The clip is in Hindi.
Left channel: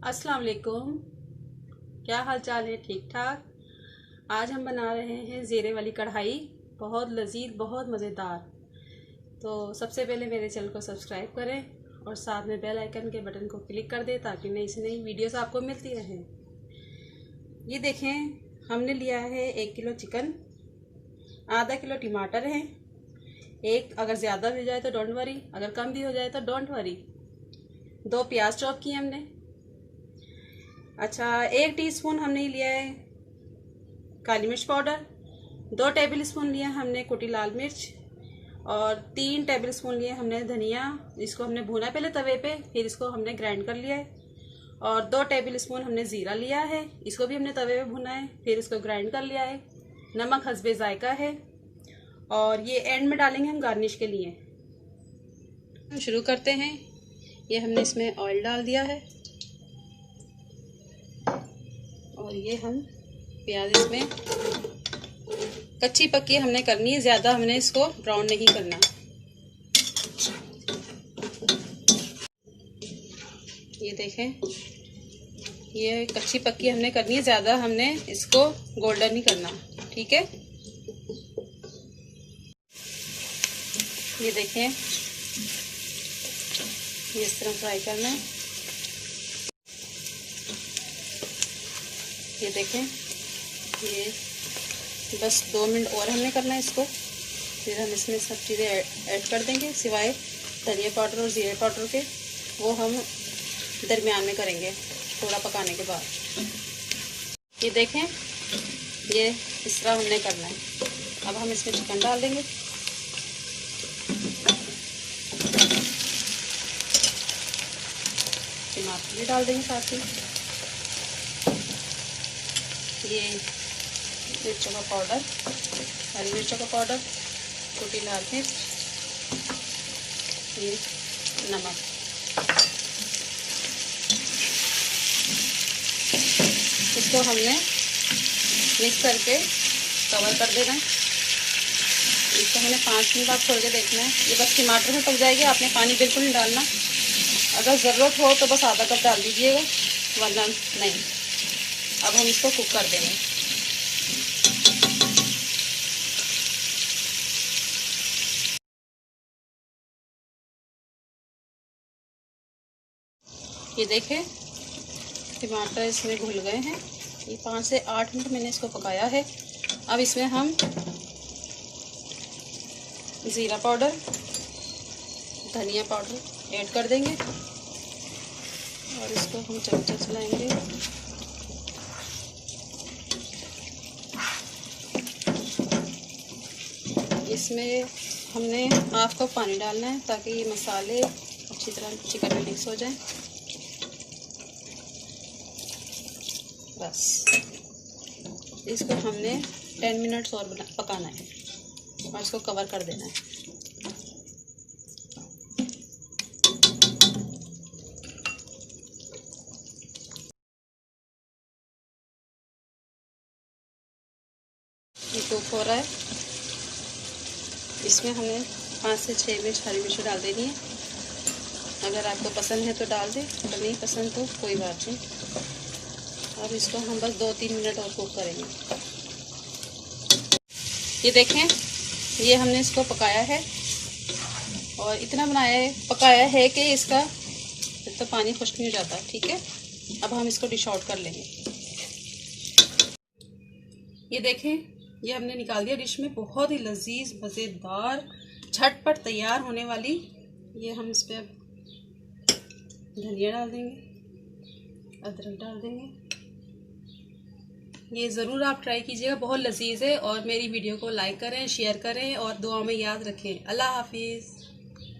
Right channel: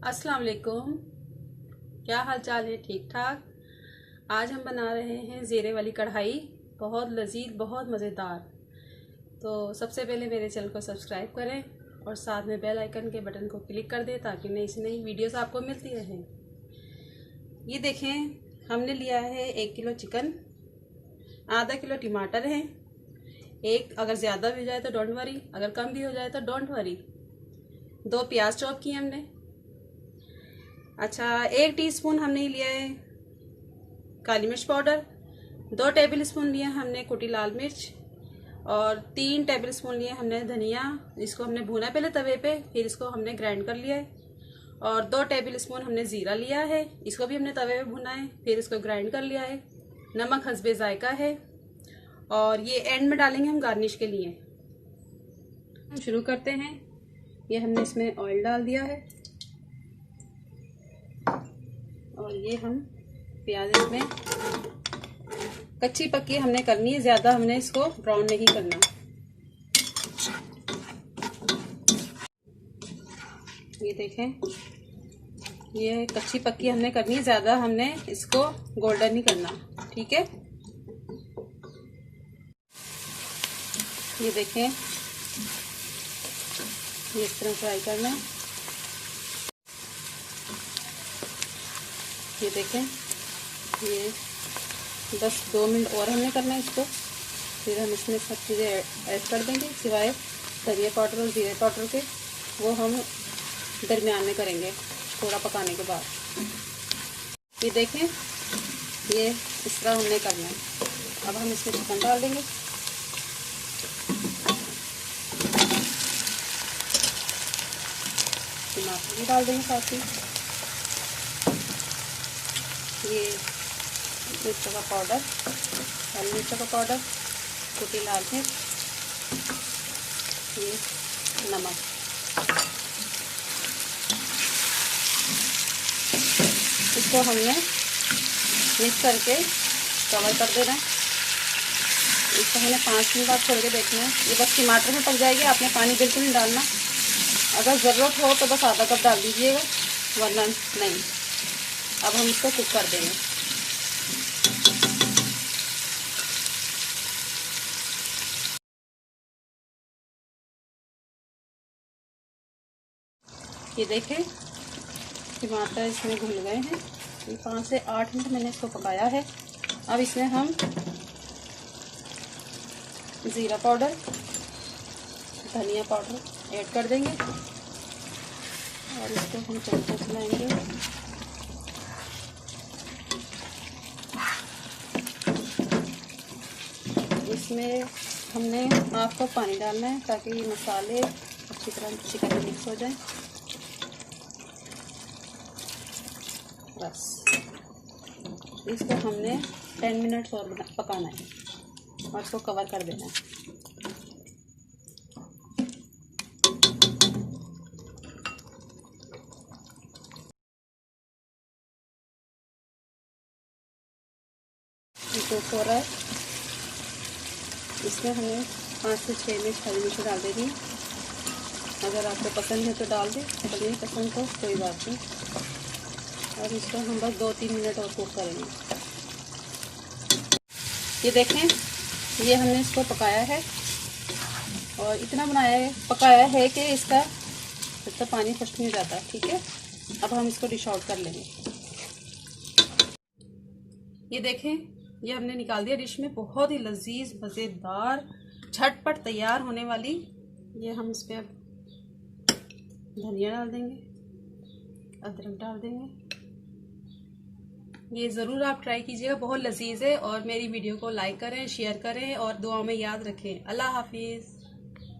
अस्सलाम वालेकुम। क्या हाल चाल है? ठीक ठाक। आज हम बना रहे हैं ज़ीरे वाली कढ़ाई, बहुत लजीज, बहुत मज़ेदार। तो सबसे पहले मेरे चैनल को सब्सक्राइब करें और साथ में बेल आइकन के बटन को क्लिक कर दें ताकि नई से नई वीडियोस आपको मिलती रहें। ये देखें, हमने लिया है 1 किलो चिकन, आधा किलो टमाटर हैं, एक अगर ज़्यादा भी हो जाए तो डोंट वरी, अगर कम भी हो जाए तो डोंट वरी। 2 प्याज चॉप किए हमने। अच्छा, 1 टीस्पून हमने लिया है काली मिर्च पाउडर, 2 टेबल स्पून लिया हमने कुटी लाल मिर्च और 3 टेबल स्पून लिए हमने धनिया। इसको हमने भूना पहले तवे पे, फिर इसको हमने ग्राइंड कर लिया है। और 2 टेबल स्पून हमने ज़ीरा लिया है, इसको भी हमने तवे पे भुना है, फिर इसको ग्राइंड कर लिया है। नमक हस्बे जायका है और ये एंड में डालेंगे हम गार्निश के लिए। शुरू करते हैं। ये हमने इसमें ऑयल डाल दिया है और ये हम प्याज इसमें कच्ची पक्की हमने करनी है, ज़्यादा हमने इसको ब्राउन नहीं करना। ये देखें, ये कच्ची पक्की हमने करनी है, ज़्यादा हमने इसको गोल्डन नहीं करना, ठीक है। ये देखें, ये इस तरह फ्राई करना है। ये देखें, ये बस 2 मिनट और हमने करना है इसको, फिर हम इसमें सब चीज़ें ऐड कर देंगे सिवाय धनिया पाउडर और जीरे पाउडर के। वो हम दरमियान में करेंगे थोड़ा पकाने के बाद। ये देखें, ये इस तरह हमने करना है। अब हम इसमें चिकन डाल देंगे। टमाटर भी डाल देंगे साथ ही। ये मिर्चों का पाउडर, लाल मिर्चों का पाउडर, कुटी लाल मिर्च, ये नमक। इसको हमने मिक्स करके कवर कर देना है। इसको हमने 5 मिनट बाद छोड़ के देखना है। ये बस टमाटर में पक जाएगी, आपने पानी बिल्कुल नहीं डालना। अगर ज़रूरत हो तो बस आधा कप डाल दीजिएगा, वरना नहीं। अब हम इसको कुक कर देंगे। ये देखें, टमाटर इसमें घुल गए हैं। ये 5 से 8 मिनट मैंने इसको पकाया है। अब इसमें हम ज़ीरा पाउडर, धनिया पाउडर ऐड कर देंगे और इसको हम चमचे चलाएंगे। इसमें हमने हाफ कप पानी डालना है ताकि ये मसाले अच्छी तरह चिकन में मिक्स हो जाए। बस इसको हमने 10 मिनट्स और पकाना है और इसको कवर कर देना है। ये कुक हो रहा है। इसमें हमें 5 से 6 मिर्च हरी मिर्च डाल देनी है। अगर आपको पसंद है तो डाल दें, अगर नहीं पसंद तो कोई बात नहीं। और इसको हम बस 2-3 मिनट और कुक करेंगे। ये देखें, ये हमने इसको पकाया है और इतना पकाया है कि इसका तो पानी खुश्क नहीं हो जाता, ठीक है। अब हम इसको डिश आउट कर लेंगे। ये देखें, ये हमने निकाल दिया डिश में। बहुत ही लजीज, मज़ेदार, झटपट तैयार होने वाली। ये हम इस पर धनिया डाल देंगे, अदरक डाल देंगे। ये ज़रूर आप ट्राई कीजिएगा, बहुत लजीज है। और मेरी वीडियो को लाइक करें, शेयर करें और दुआ में याद रखें। अल्लाह हाफिज़।